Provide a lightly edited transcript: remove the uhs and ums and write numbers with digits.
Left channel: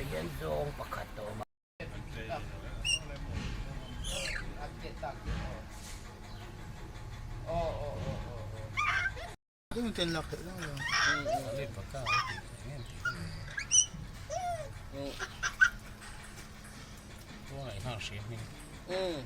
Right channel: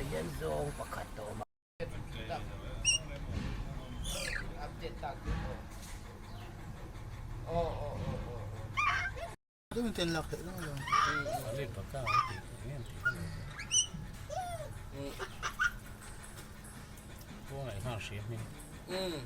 yan zong pagkato. Hindi mo tinlaki lang lang. Alay pagka. Ito nga isang siya. Yeah,